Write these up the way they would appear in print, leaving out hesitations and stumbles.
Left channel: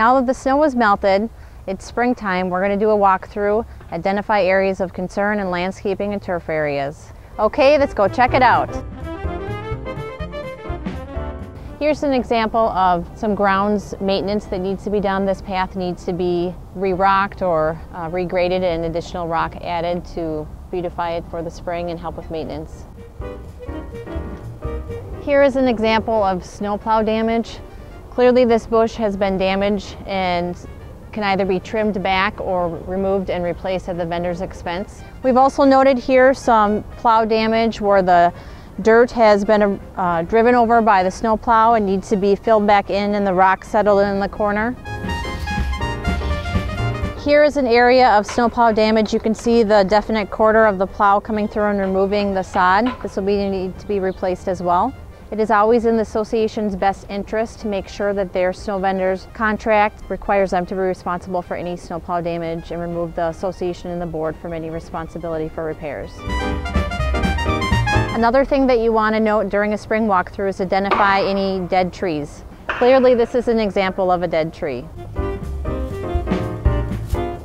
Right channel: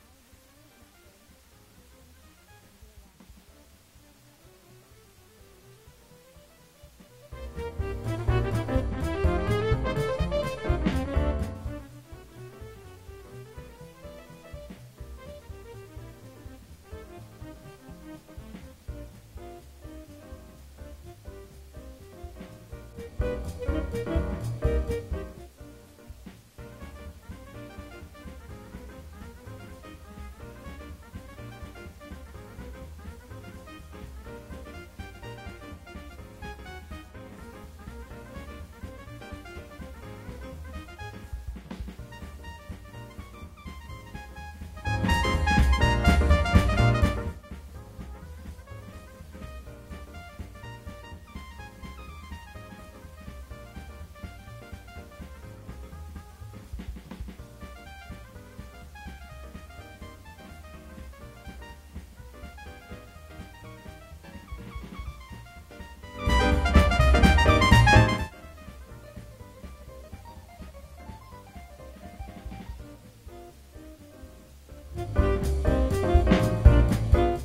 Now that the snow has melted, it's springtime, we're going to do a walkthrough, identify areas of concern and landscaping and turf areas. Okay, let's go check it out. Here's an example of some grounds maintenance that needs to be done. This path needs to be re-rocked or regraded and additional rock added to beautify it for the spring and help with maintenance. Here is an example of snowplow damage. Clearly this bush has been damaged and can either be trimmed back or removed and replaced at the vendor's expense. We've also noted here some plow damage where the dirt has been driven over by the snowplow and needs to be filled back in and the rock settled in the corner. Here is an area of snowplow damage. You can see the definite quarter of the plow coming through and removing the sod. This will need to be replaced as well. It is always in the association's best interest to make sure that their snow vendor's contract requires them to be responsible for any snowplow damage and remove the association and the board from any responsibility for repairs. Another thing that you want to note during a spring walkthrough is identify any dead trees. Clearly this is an example of a dead tree.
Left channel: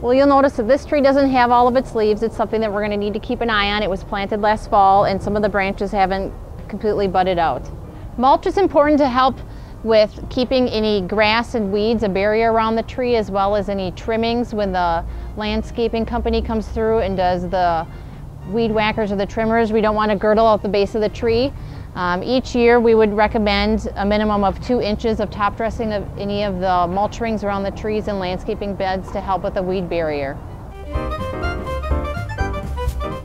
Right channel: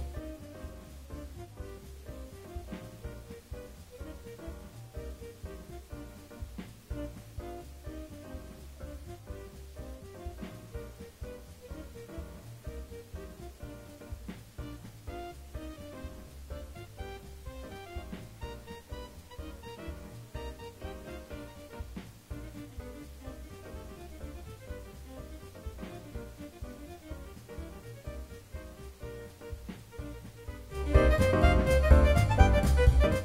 Well, you'll notice that this tree doesn't have all of its leaves. It's something that we're going to need to keep an eye on. It was planted last fall and some of the branches haven't completely budded out. Mulch is important to help with keeping any grass and weeds a barrier around the tree, as well as any trimmings when the landscaping company comes through and does the weed whackers or the trimmers. We don't want to girdle out the base of the tree. Each year we would recommend a minimum of 2 inches of top dressing of any of the mulch rings around the trees and landscaping beds to help with the weed barrier.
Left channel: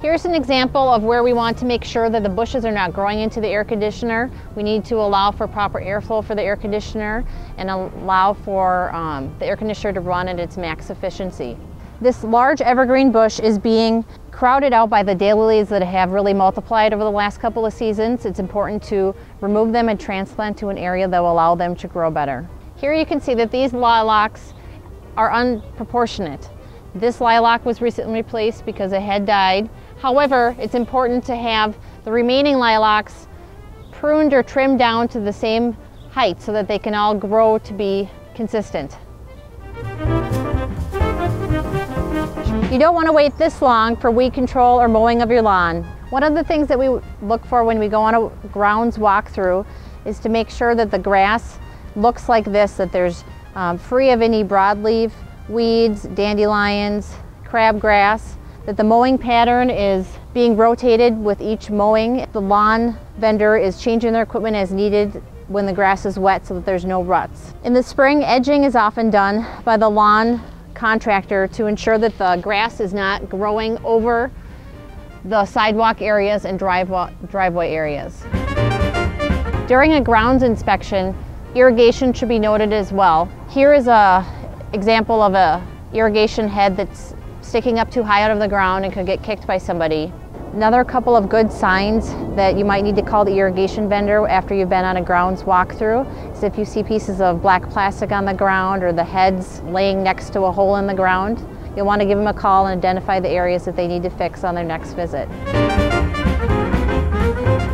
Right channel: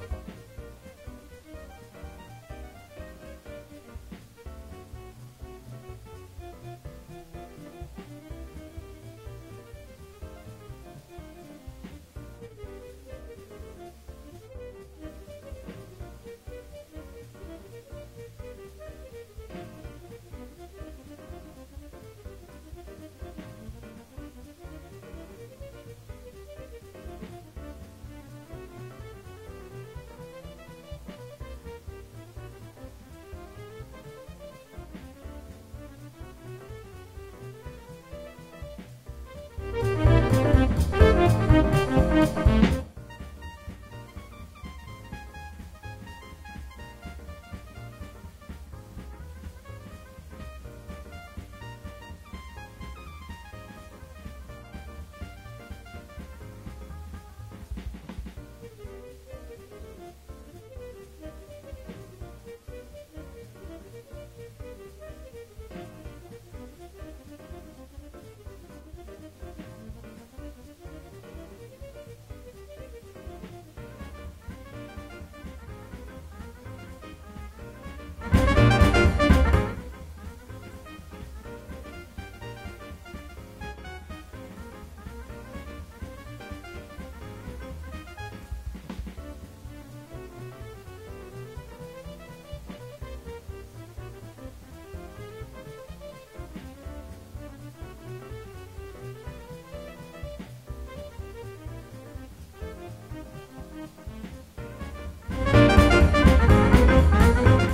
Here's an example of where we want to make sure that the bushes are not growing into the air conditioner. We need to allow for proper airflow for the air conditioner and allow for the air conditioner to run at its max efficiency. This large evergreen bush is being crowded out by the daylilies that have really multiplied over the last couple of seasons. It's important to remove them and transplant to an area that will allow them to grow better. Here you can see that these lilacs are unproportionate. This lilac was recently replaced because it had died. However, it's important to have the remaining lilacs pruned or trimmed down to the same height so that they can all grow to be consistent. You don't want to wait this long for weed control or mowing of your lawn. One of the things that we look for when we go on a grounds walkthrough is to make sure that the grass looks like this, that there's free of any broadleaf weeds, dandelions, crabgrass, that the mowing pattern is being rotated with each mowing. The lawn vendor is changing their equipment as needed when the grass is wet so that there's no ruts. In the spring, edging is often done by the lawn contractor to ensure that the grass is not growing over the sidewalk areas and driveway areas. During a grounds inspection, irrigation should be noted as well. Here is an example of an irrigation head that's sticking up too high out of the ground and could get kicked by somebody. Another couple of good signs that you might need to call the irrigation vendor after you've been on a grounds walkthrough is if you see pieces of black plastic on the ground or the heads laying next to a hole in the ground. You'll want to give them a call and identify the areas that they need to fix on their next visit.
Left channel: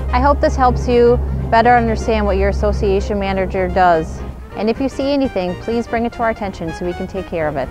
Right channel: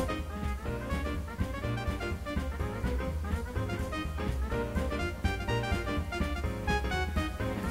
I hope this helps you better understand what your association manager does. And if you see anything, please bring it to our attention so we can take care of it.